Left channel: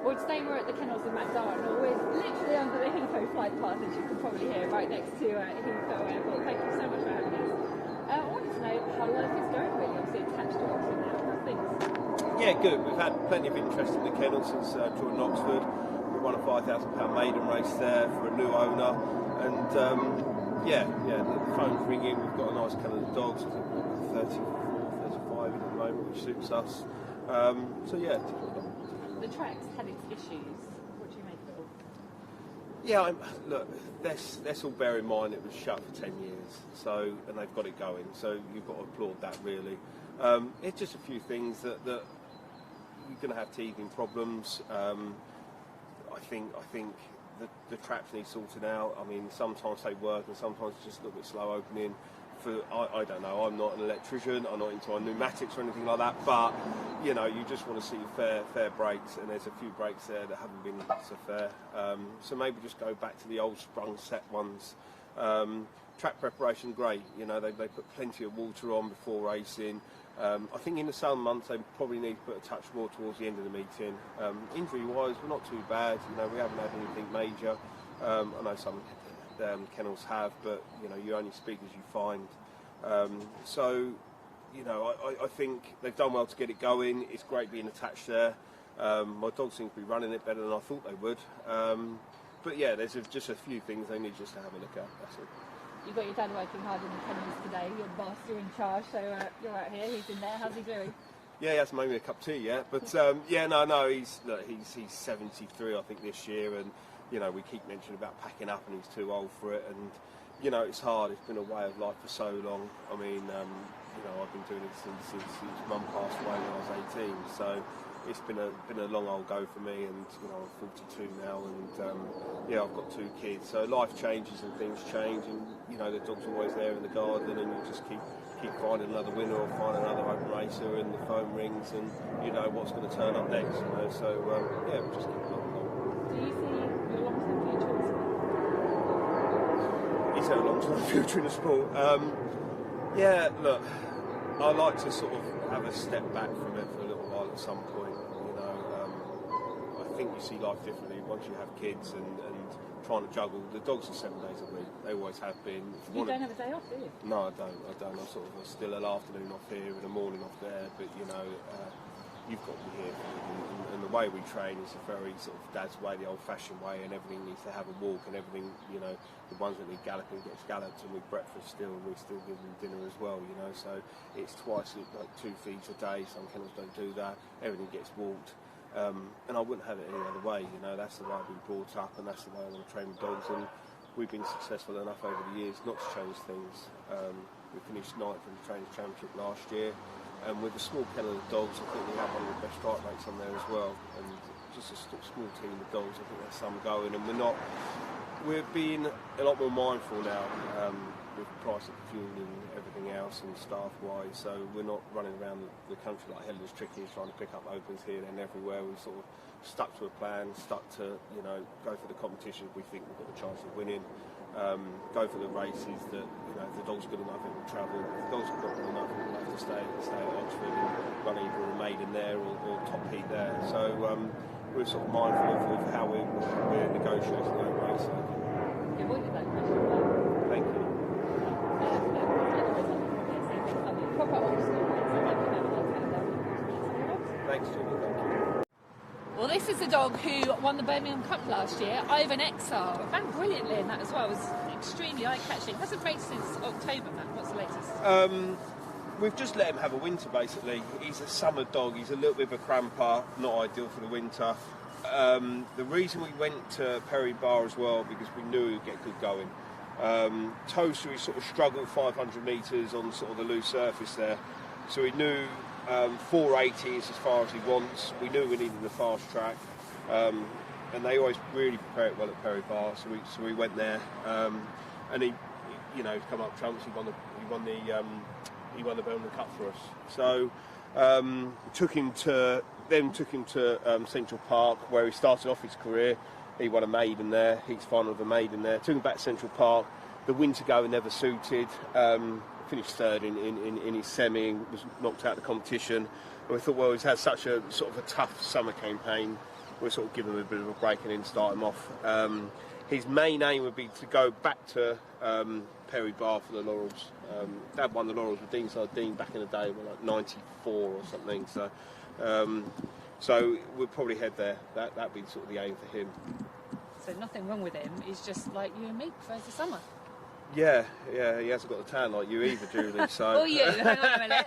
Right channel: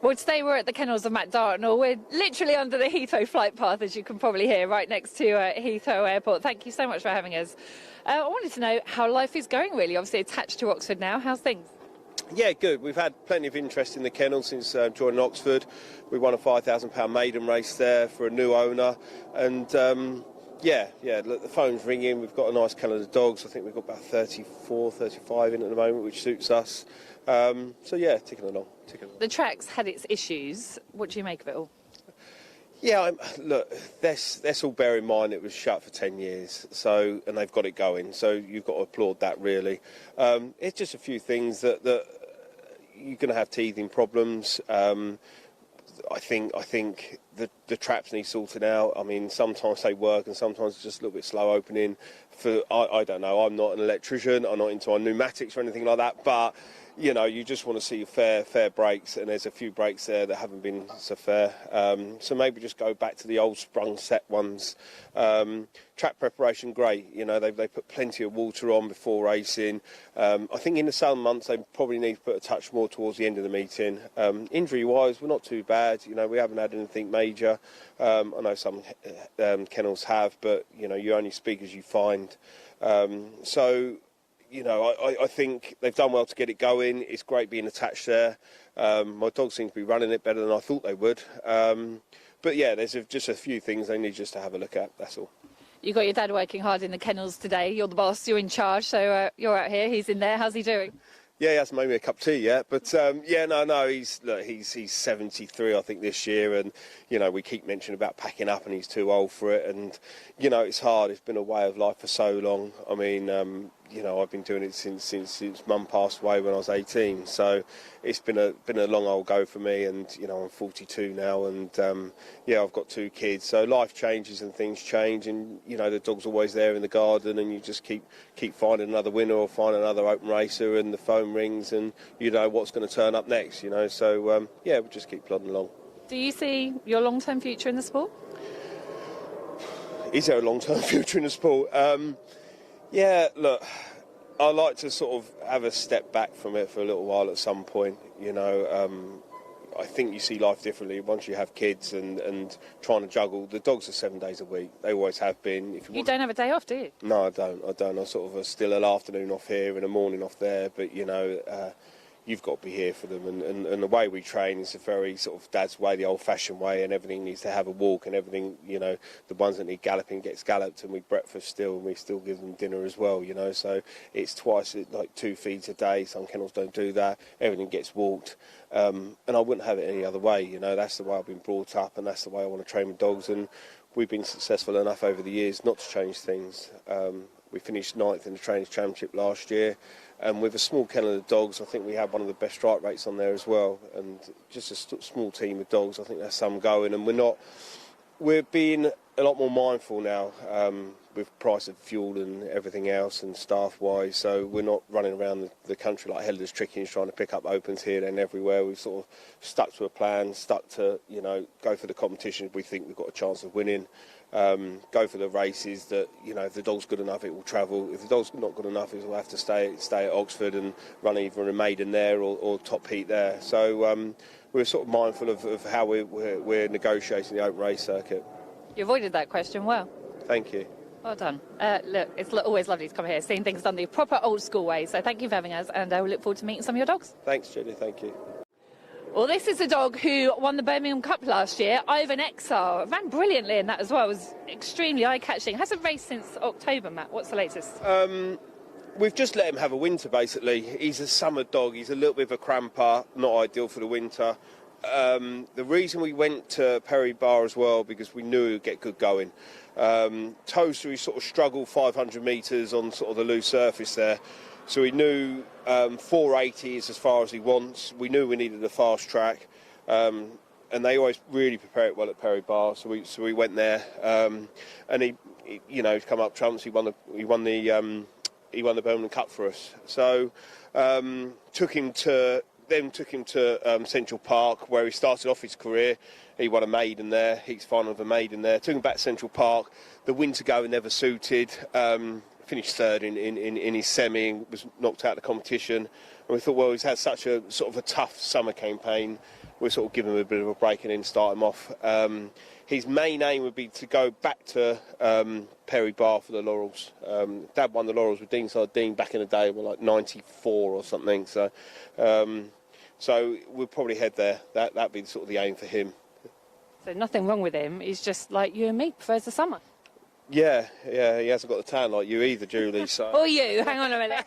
Well, today we're at the kennels of Matt Dartnall. We're literally under the Heathrow flight path, as you can probably hear, right next to Heathrow Airport. Thank you so much for having us. I wanted to know how life is going, really. Obviously attached to Oxford now. How's things? Yeah, good. We've had plenty of interest in the kennel since joining Oxford. We won a £5,000 maiden race there for a new owner, and the phone's ringing. We've got a nice kennel of dogs. I think we've got about 34, 35 in at the moment, which suits us. Ticking along. The track's had its issues. What do you make of it all? Yeah, look, let's all bear in mind it was shut for 10 years, and they've got it going, so you've got to applaud that, really. It's just a few things that you're going to have teething problems. I think the traps need sorting out. I mean, sometimes they work and sometimes it's just a little bit slow opening. I don't know, I'm not an electrician, I'm not into pneumatics or anything like that, but you know, you just want to see fair brakes, and there's a few brakes there that haven't been so fair. So maybe just go back to the old sprung set ones. Track preparation, great. You know, they put plenty of water on before racing. I think in the summer months they probably need to put a touch more towards the end of the meeting. Injury-wise, we're not too bad. You know, we haven't had anything major. I know some kennels have, but you know, you only speak as you find. You know, I think they've done well to get it going. It's great being attached there. My dogs seem to be running it better than I thought they would. But yeah, there's just a few things they need just to have a look at, that's all. You've got your dad working hard in the kennels today. You're the boss, you're in charge, so you're out here, he's in there. How's he doing? Yeah, he hasn't made me a cup of tea yet, but he's 73, I think, this year, and you know, we keep mentioning about packing up, and he's too old for it, and you know, it's hard. It's been a way of life for so long. I mean, you know, I've been doing it since Mum passed away when I was 18, so it's been a long old go for me, and you know, I'm 42 now, and I've got 2 kids, so life changes and things change, and you know, the dog's always there in the garden, and you just keep finding another winner or find another open racer, and the phone rings, and you know what's going to turn up next, you know. So we'll just keep plodding along. Do you see your long-term future in the sport? Is there a long-term future in the sport? Look, I like to sort of have a step back from it for a little while at some point, you know. I think you see life differently once you have kids and trying to juggle. The dogs are 7 days a week. They always have been. You don't have a day off, do you? No, I don't. I sort of still an afternoon off here and a morning off there, but you know, you've got to be here for them, and the way we train is a very sort of dad's way, the old-fashioned way, and everything needs to have a walk, and everything, you know, the ones that need galloping gets galloped, and we breakfast still, and we still give them dinner as well, you know, so it's twice, like 2 feeds a day. Some kennels don't do that. Everything gets walked, and I wouldn't have it any other way, you know. That's the way I've been brought up, and that's the way I want to train with dogs, and we've been successful enough over the years not to change things. We finished 9th in the Trainers' Championship last year. And with a small kennel of dogs, I think we have one of the best strike rates on there as well. And just a small team of dogs, I think that's some going. And we're being a lot more mindful now with the price of fuel and everything else and staff-wise. So we're not running around the country like headless chickens trying to pick up opens here and everywhere. We've sort of stuck to a plan, stuck to, you know, go for the competition if we think we've got a chance of winning. Go for the races that, you know, if the dog's good enough, it will travel. If the dog's not good enough, it will have to stay at Oxford and run either a maiden there or top heat there. So we're sort of mindful of how we're negotiating the open race circuit. You avoided that question well. Thank you. Well done. Look, it's always lovely to come here, seeing things done the proper old school way. So thank you for having us, and we look forward to meeting some of your dogs. Thanks, Jenny. Thank you. Well, this is a dog who won the Birmingham Cup last year, Ivanexile. Ran brilliantly in that as well. It was extremely eye-catching. Hasn't raced since October, Matt. What's the latest? We've just let him have a winter, basically. He's a summer dog. He's a little bit of a cramper, not ideal for the winter. The reason we went to Perry Bar as well, because we knew he would get good going. Toaster, he sort of struggled 500 metres on sort of the loose surface there. So we knew 480 is as far as he wants. We knew we needed a fast track, and they always really prepare it well at Perry Bar. So we went there, and he you know, come up trumps. He won the Birmingham Cup for us. So took him to Central Park, where he started off his career. He won a maiden there. He's final of a maiden there. Took him back to Central Park. The winter going never suited. Finished 3rd in his semi and was knocked out of the competition. And we thought, well, he's had such a sort of a tough summer campaign. we'll sort of give him a bit of a break and then start him off. His main aim would be to go back to Perry Bar for the Laurels. Dad won the Laurels with Dean back in the day, like 94 or something. So we'll probably head there. That'd be sort of the aim for him. So nothing wrong with him. He's just like you and me, prefers the summer. Yeah, he hasn't got the tan like you either, Julie. So. Or you, hang on a minute.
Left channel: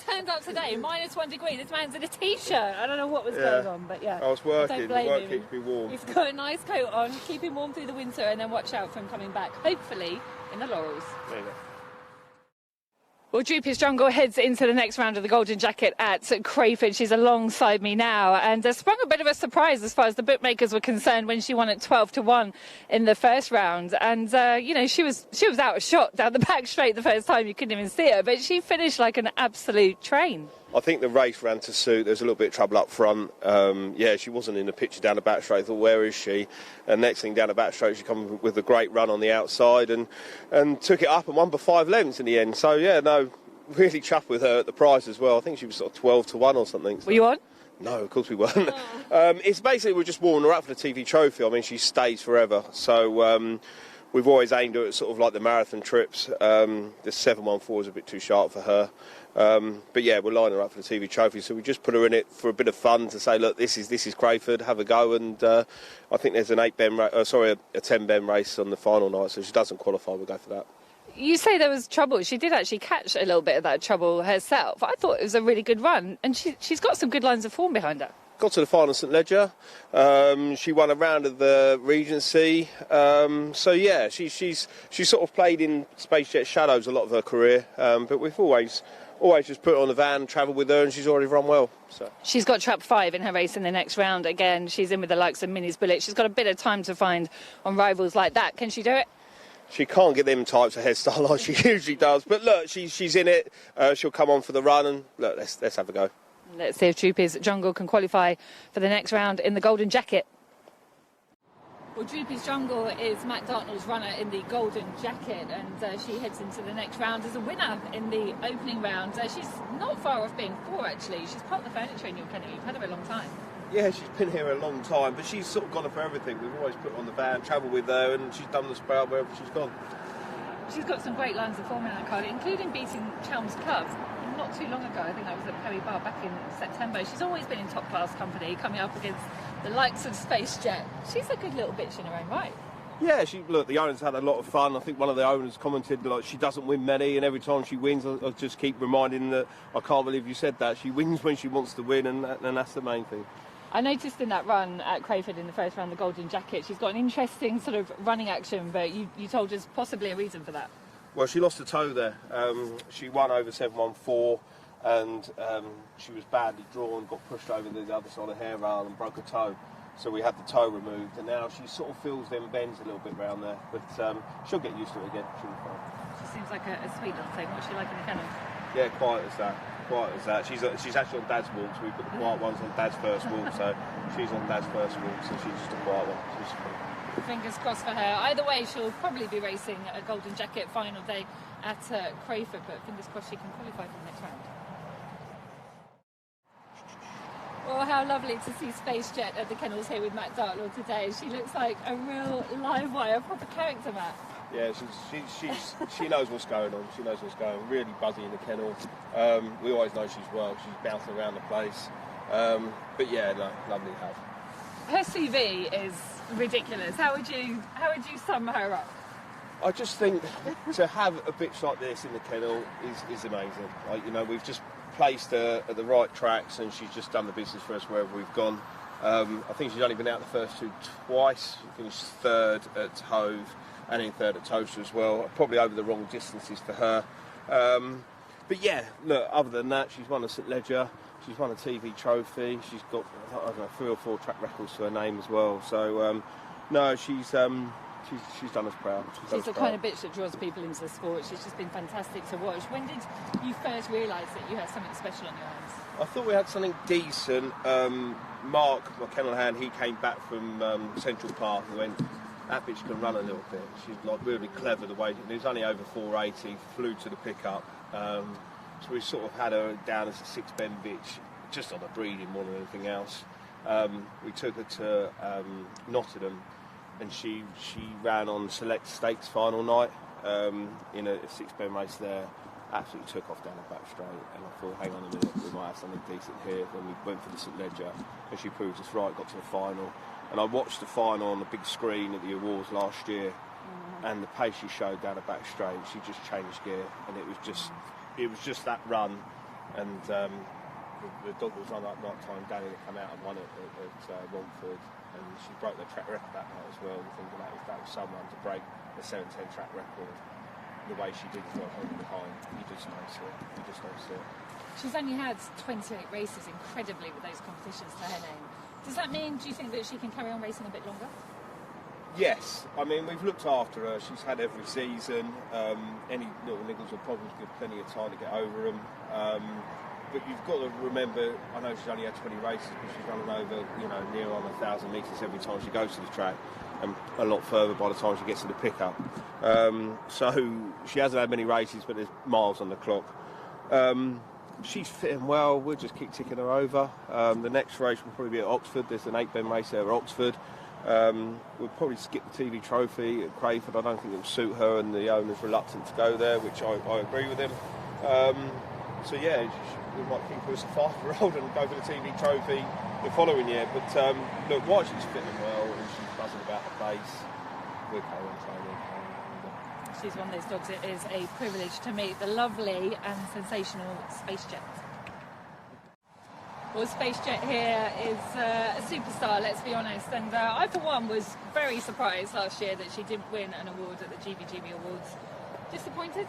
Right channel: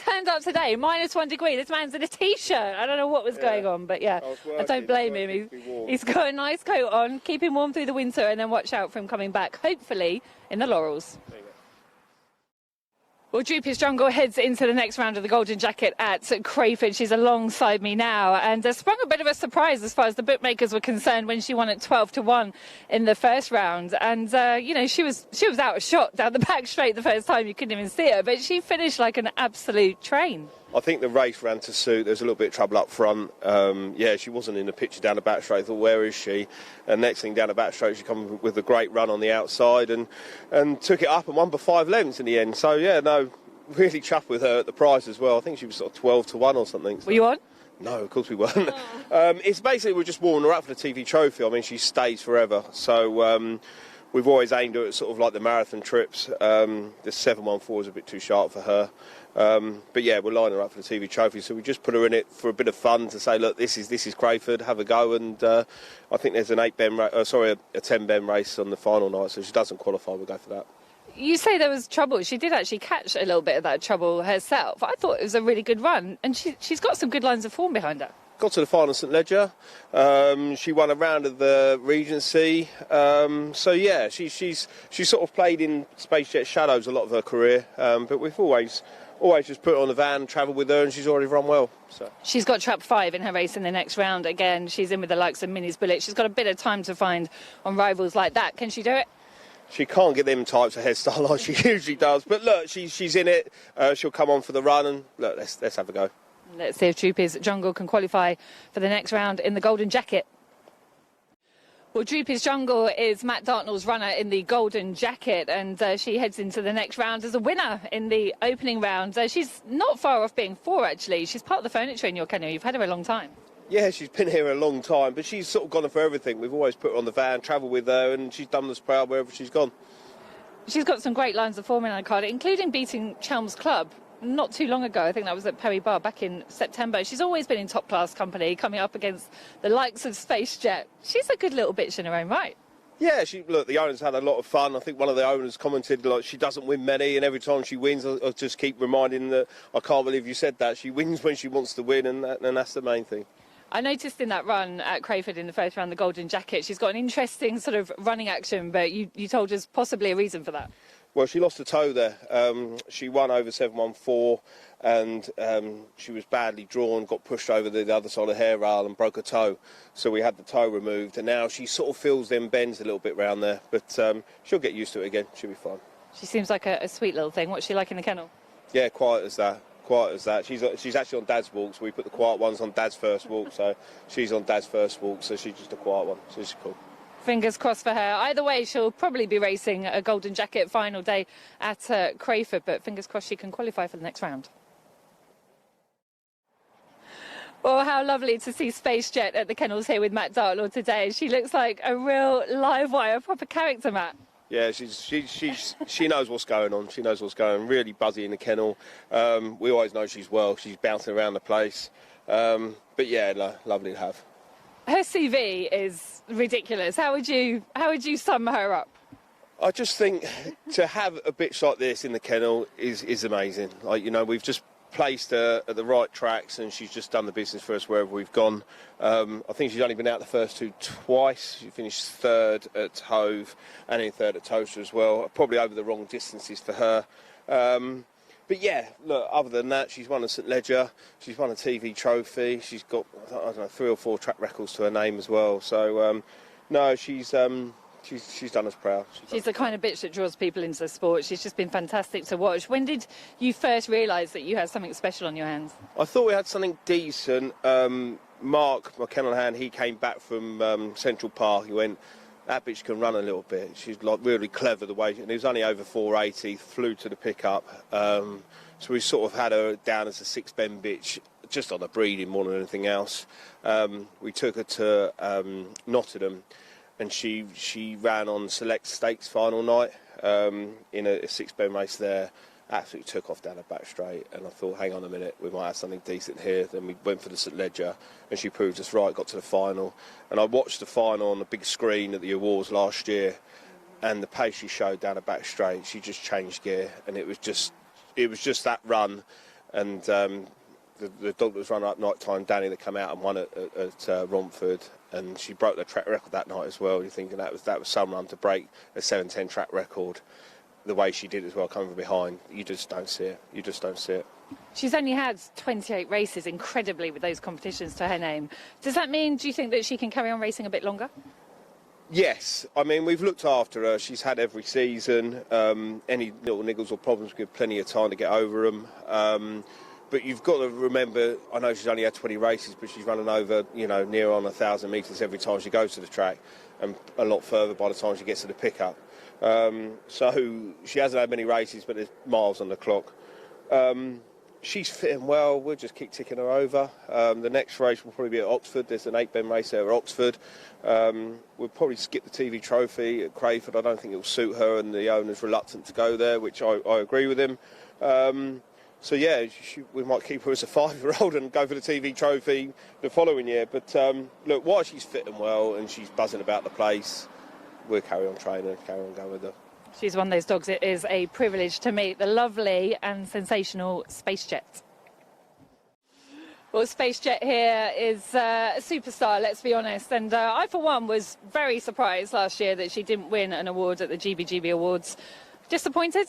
Turned up today, -1 degree. This man's in a t-shirt. I don't know what was going on, but yeah, I don't blame him. He's got a nice coat on, keep him warm through the winter, and then watch out for him coming back, hopefully in the Laurels. There you go. Well, Droopys Jungle heads into the next round of the Golden Jacket at Crayford. She's alongside me now, and sprung a bit of a surprise as far as the bookmakers were concerned when she won at 12-1 in the first round. And you know, she was out of shot down the back straight the first time. You couldn't even see her, but she finished like an absolute train. I think the race ran to suit. There's a little bit of trouble up front. Yeah, she wasn't in the picture down the back straight. I thought, where is she? And next thing down the back straight, she come with a great run on the outside and took it up and won by 5 lengths in the end. So yeah, no, really chuffed with her at the prize as well. I think she was sort of 12-1 or something. So. Were you on? No, of course we weren't. It's basically we're just warming her up for the TV trophy. I mean, she stays forever. So we've always aimed her at sort of like the marathon trips. The 714 is a bit too sharp for her. But yeah, we're lining her up for the TV trophy, so we just put her in it for a bit of fun to say, look, this is Crayford, have a go. And I think there's an 10-ben race on the final night, so if she doesn't qualify, we'll go for that. You say there was trouble. She did actually catch a little bit of that trouble herself. I thought it was a really good run, and she's got some good lines of form behind her. Got to the final St Ledger. She won a round of the Regency. So yeah, she's sort of played in Space Jet Shadows a lot of her career, but we've always just put her on the van, travelled with her, and she's already run well. So. She's got trap 5 in her race in the next round. Again, she's in with the likes of Minnie's Bullet. She's got a bit of time to find on rivals like that. Can she do it? She can't get them types of hairstyle like she usually does. But look, she's in it. She'll come on for the run, and look, let's have a go. Let's see if Droopys Jungle can qualify for the next round in the Golden Jacket. Well, Droopys Jungle is Matt Dartnall's runner in the Golden Jacket, and she heads into the next round as a winner in the opening round. She's not far off being 4, actually. She's part of the furniture in your kennel. You've had her a long time. Yeah, she's been here a long time, but she's sort of gone for everything. We've always put her on the van, travelled with her, and she's done the sprout wherever she's gone. She's got some great lines of form in her card, including beating Chelm's Club not too long ago. I think that was at Perry Bar back in September. She's always been in top-class company, coming up against the likes of Space Jet. She's a good little bitch in her own right. Yeah, look, the owners had a lot of fun. I think one of the owners commented, like, she doesn't win many, and every time she wins, I just keep reminding them that I can't believe you said that. She wins when she wants to win, and that's the main thing. I noticed in that run at Crayford in the first round, the Golden Jacket, she's got an interesting sort of running action, but you told us possibly a reason for that. Well, she lost a toe there. She won over 714, and she was badly drawn, got pushed over the other side of the hair rail and broke a toe. So we had the toe removed, and now she sort of feels them bends a little bit around there, but she'll get used to it again. She'll be fine. She seems like a sweet little thing. What's she like in the kennel? Yeah, quiet as that. She's actually on Dad's walk, so we put the quiet ones on Dad's first walk, so she's on Dad's first walk, so she's just a quiet one. So she's cool. Fingers crossed for her. Either way, she'll probably be racing a Golden Jacket final day at Crayford, but fingers crossed she can qualify for the next round. Well, how lovely to see Space Jet at the kennels here with Matt Dartnall today. She looks like a real live wire, proper character, Matt. Yeah, she knows what's going on. She knows what's going on. Really buzzy in the kennel. We always know she's well. She's bouncing around the place. But yeah, no, lovely to have. Her CV is ridiculous. How would you sum her up? I just think to have a bitch like this in the kennel is amazing. Like, you know, we've just placed her at the right tracks, and she's just done the business for us wherever we've gone. I think she's only been out the first 2 twice. She finished 3rd at Hove and in 3rd at Toaster as well. Probably over the wrong distances for her. But yeah, look, other than that, she's won a St Ledger, she's won a TV trophy, she's got, I don't know, 3 or 4 track records to her name as well. So, no, she's done us proud. She's the kind of bitch that draws people into the sport. She's just been fantastic to watch. When did you first realise that you had something special on your hands? I thought we had something decent. Mark, my kennel hand, he came back from Central Park. He went, that bitch can run a little bit. She's like really clever the way, and he was only over 480, flew to the pickup. So we sort of had her down as a 6-ben bitch, just on the breeding more than anything else. We took her to Nottingham, and she ran on Select Stakes final night in a 6-bend race there. Absolutely took off down the back straight, and I thought, hang on a minute, we might have something decent here. Then we went for the St Ledger, and she proved us right, got to the final. And I watched the final on the big screen at the awards last year, and the pace she showed down the back straight, she just changed gear, and it was just that run. And the dog that was run at night time, Danny, that came out and won at Romford, and she broke the track record that night as well. You're thinking that was some run to break a 7:10 track record. The way she did as well, coming from behind, you just don't see it. You just don't see it. She's only had 28 races, incredibly, with those competitions to her name. Does that mean, do you think that she can carry on racing a bit longer? Yes. I mean, we've looked after her. She's had every season. Any little niggles or problems, give plenty of time to get over them. But you've got to remember, I know she's only had 20 races, but she's running over, near on 1,000 metres every time she goes to the track, and a lot further by the time she gets to the pickup. So she hasn't had many races, but there's miles on the clock. She's fitting well. We'll just keep ticking her over. The next race will probably be at Oxford. There's an 8-bend race there at Oxford. We'll probably skip the TV trophy at Crayford. I don't think it'll suit her, and the owner's reluctant to go there, which I agree with him. So yeah, we might keep her as a 5-year-old and go for the TV trophy the following year. But look, while she's fitting well and she's buzzing about the place, we'll carry on training, carry on going with her. She's one of those dogs it is a privilege to meet, the lovely and sensational Space Jet. Well, Space Jet here is a superstar, let's be honest, and I for one was very surprised last year that she didn't win an award at the GBGB Awards. Disappointed?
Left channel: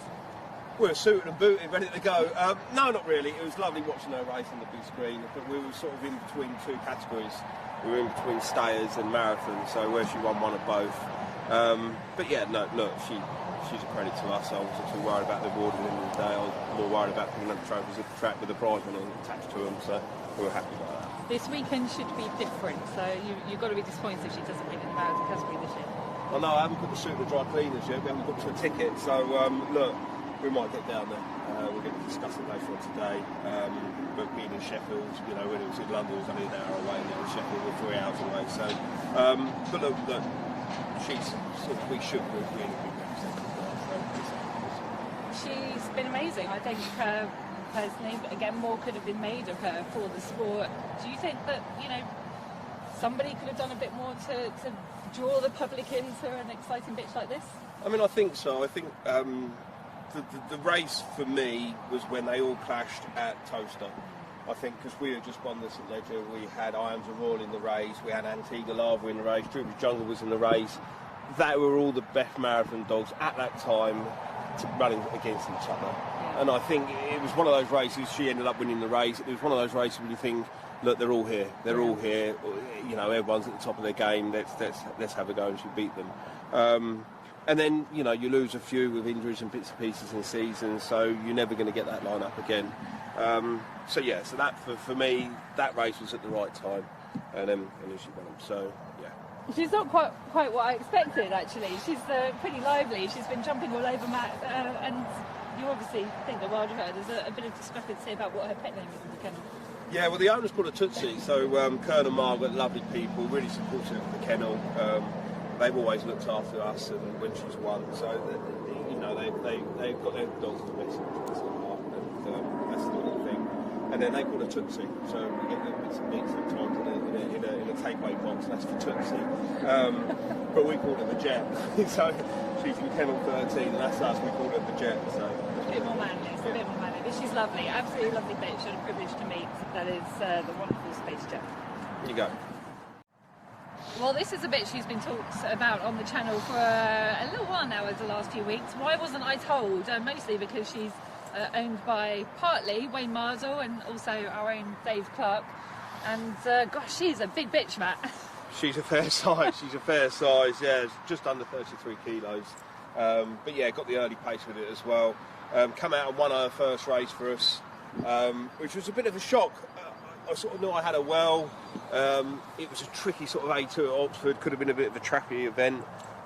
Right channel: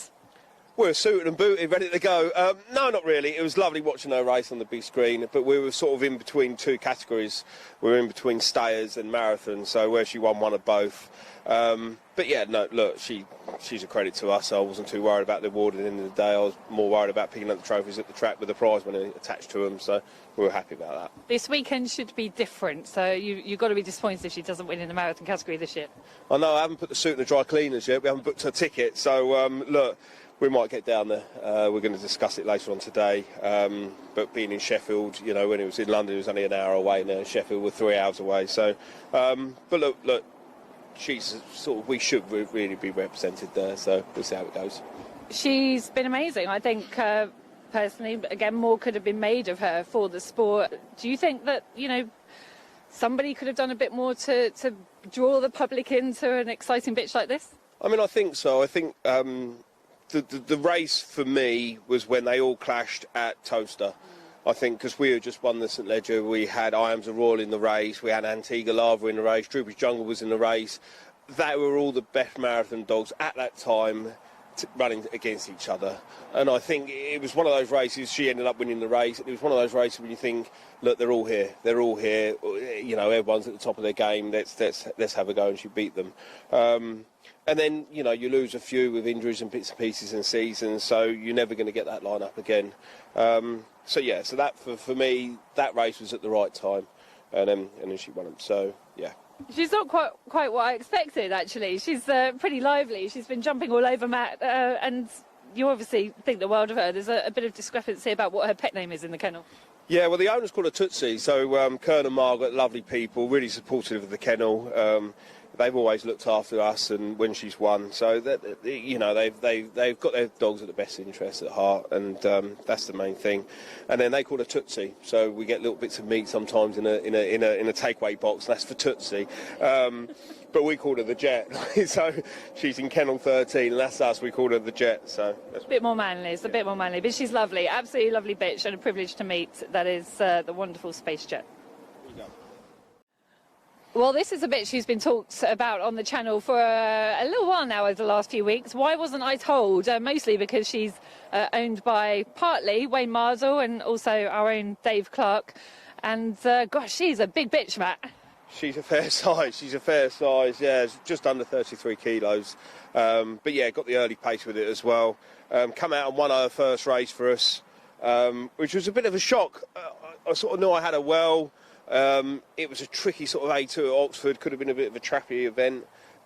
We're suited and booted, ready to go. No, not really. It was lovely watching her race on the big screen, but we were sort of in between two categories. We were in between stayers and marathons, so where she won one of both. But yeah, no, look, she's a credit to us. I wasn't too worried about the award at the end of the day. I was more worried about picking up the trophies at the track with the prize money attached to them, so we were happy about that. This weekend should be different, so you've got to be disappointed if she doesn't win in the marathon category this year. I know, I haven't put the suit in the dry cleaners yet. We haven't booked her ticket, so look, we might get down there. We're going to discuss it later on today. But being in Sheffield, when it was in London, it was only an hour away. Now in Sheffield, we're 3 hours away. So, but look, she's we should really be represented there. So we'll see how it goes. She's been amazing. I think personally, again, more could have been made of her for the sport. Do you think that somebody could have done a bit more to draw the public into an exciting bitch like this? I mean, I think so. I think. The race for me was when they all clashed at Toaster. I think because we had just won the St Ledger, we had I Am's a Royal in the race, we had Antigua Lava in the race, Droopys Jungle was in the race. They were all the best marathon dogs at that time running against each other. And I think it was one of those races, she ended up winning the race. It was one of those races where you think, look, they're all here. Everyone's at the top of their game, let's have a go, and she beat them. And then, you lose a few with injuries and bits and pieces in seasons, so you're never going to get that line-up again. So that for me, that race was at the right time, and then she won them, so, yeah. She's not quite what I expected, actually. She's pretty lively. She's been jumping all over Matt, and you obviously think the world of her. There's a bit of discrepancy about what her pet name is in the kennel. Yeah, well, the owner's called her Tootsie, so Kern and Margaret, lovely people, really supportive of the kennel. They've always looked after us, and when she's won, so they've got their dogs with the best interests at heart, and that's the main thing. And then they call her Tootsie, so we get little bits of meat sometimes in a takeaway box. That's for Tootsie, but we call her the Jet. So she's in kennel 13, and that's us. We call her the Jet. So a bit more manly. It's a bit more manly, but she's lovely, absolutely lovely bitch, and a privilege to meet. That is the wonderful Space Jet. Here you go. Well, this is a bit she's been talked about on the channel for a little while now over the last few weeks. Why wasn't I told? Mostly because she's owned by partly Wayne Mardle and also our own Dave Clark. And gosh, she's a big bitch, Matt. She's a fair size. She's a fair size. Yeah, just under 33 kilos. But yeah, got the early pace with it as well. Come out and won her first race for us, which was a bit of a shock. I sort of knew I had her well. It was a tricky sort of A2 at Oxford, could have been a bit of a trappy event,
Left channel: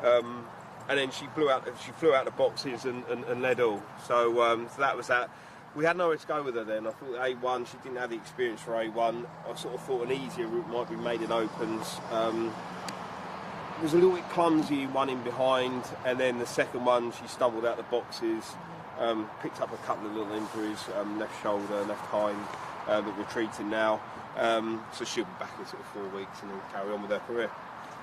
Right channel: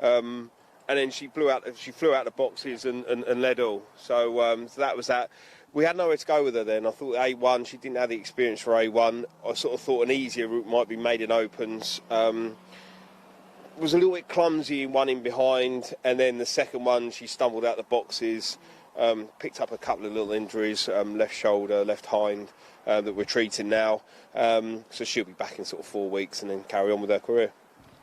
and then she flew out the boxes and led all. So that was that. we had nowhere to go with her then. I thought A1, she didn't have the experience for A1. I sort of thought an easier route might be maiden opens. Was a little bit clumsy one in behind, and then the second one she stumbled out the boxes, picked up a couple of little injuries, left shoulder, left hind, that we're treating now. So she'll be back in sort of 4 weeks and then carry on with her career.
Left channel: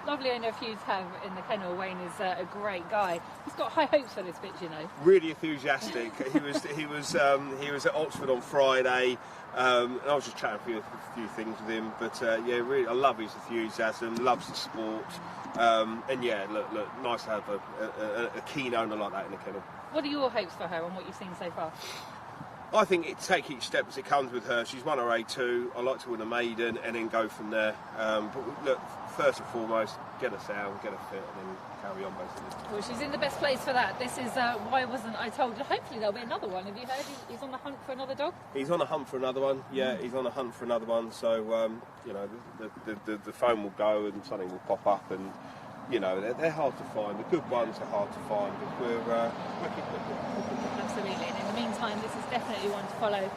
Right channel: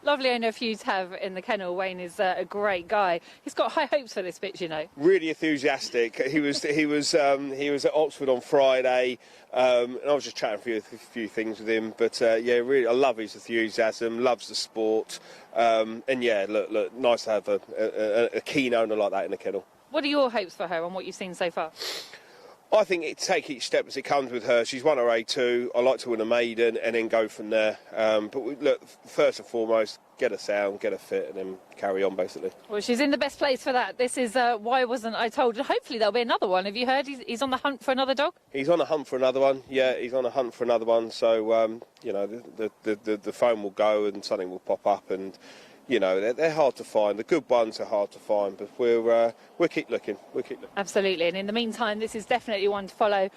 Lovely owner for you to have in the kennel. Wayne is a great guy. He's got high hopes for this bitch, you know. Really enthusiastic. He was at Oxford on Friday. And I was just chatting for a few things with him, but yeah, really, I love his enthusiasm, loves the sport, and yeah, look, nice to have a keen owner like that in the kennel. What are your hopes for her and what you've seen so far? I think take each step as it comes with her. She's won her A2. I like to win a maiden and then go from there. But look, first and foremost, get her sound, get her fit, and then carry on basically. Well, she's in the best place for that. This is Why Wasn't I Told? Hopefully there'll be another one. Have you heard he's on the hunt for another dog? He's on the hunt for another one. Yeah, he's on the hunt for another one. So you know, the phone will go and something will pop up, and you know, they're hard to find. The good ones are hard to find, but we'll keep looking. Absolutely. And in the meantime, this is definitely one to follow.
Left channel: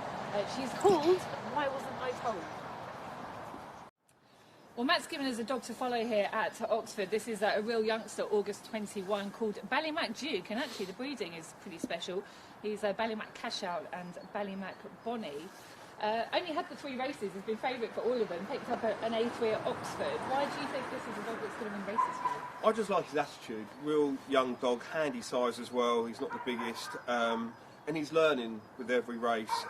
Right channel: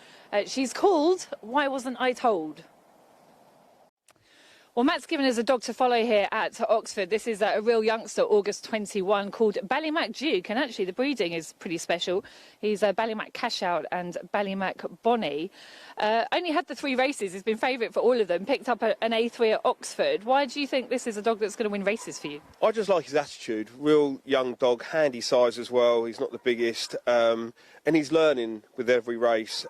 She's called Why Wasn't I Told? Well, Matt's given us a dog to follow here at Oxford. This is a real youngster, August 21, called Ballymac Duke. And actually, the breeding is pretty special. He's a Ballymac Cashout and Ballymac Bonnie. Only had the 3 races. He's been favourite for all of them. Picked up an A3 at Oxford. Why do you think this is a dog that's going to win races for you? I just like his attitude. Real young dog, handy size as well. He's not the biggest. And he's learning with every race.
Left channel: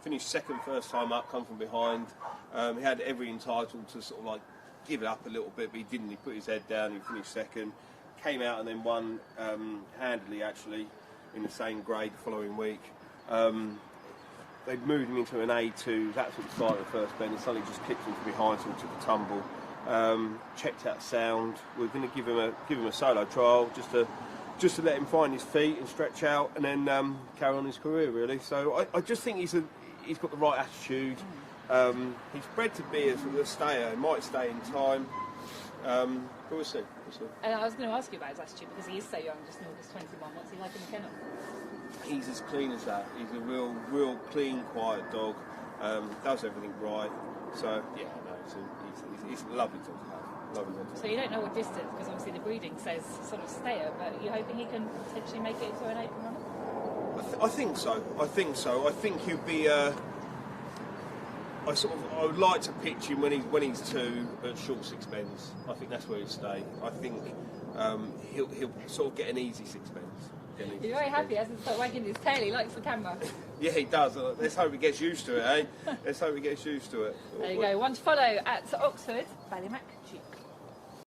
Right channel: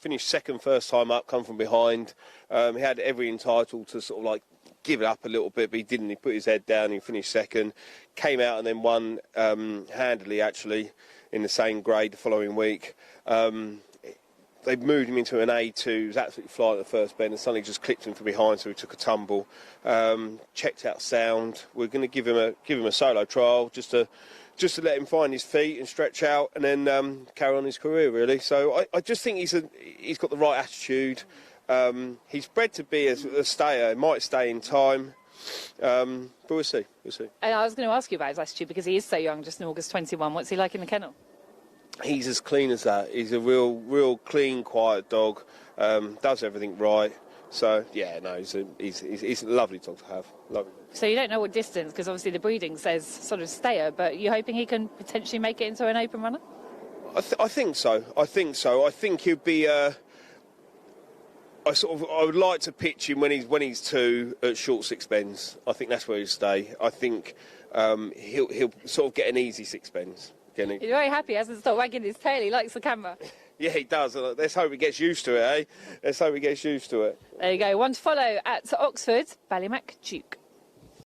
Finished second first time up, come from behind. He had every entitled to sort of like give it up a little bit, but he didn't. He put his head down, he finished second. Came out and then won handily, actually, in the same grade the following week. They moved him into an A2. He was absolutely flying at the first bend, and suddenly just clipped him from behind, so he took a tumble. Checked out sound. We're going to give him a solo trial just to let him find his feet and stretch out, and then carry on his career really. So I just think he's got the right attitude. He's bred to be a stayer. He might stay in time, but we'll see. And I was going to ask you about his attitude because he is so young, just in August 21. What's he like in the kennel? He's as clean as that. He's a real clean, quiet dog. Does everything right. So yeah, no, he's a lovely dog to have. Lovely dog. So you don't know what distance, because obviously the breeding says sort of stayer, but you're hoping he can potentially make it into an open runner? I think so. I think he'll be. I would like to pitch him when he's 2 at short 6 bends. I think that's where he'll stay. I think he'll sort of get an easy 6 bends. He's very happy. He hasn't stopped wagging his tail. He likes the camera. Yeah, he does. Let's hope he gets used to it, eh? Let's hope he gets used to it. There you go. One to follow at Oxford, Ballymac Duke.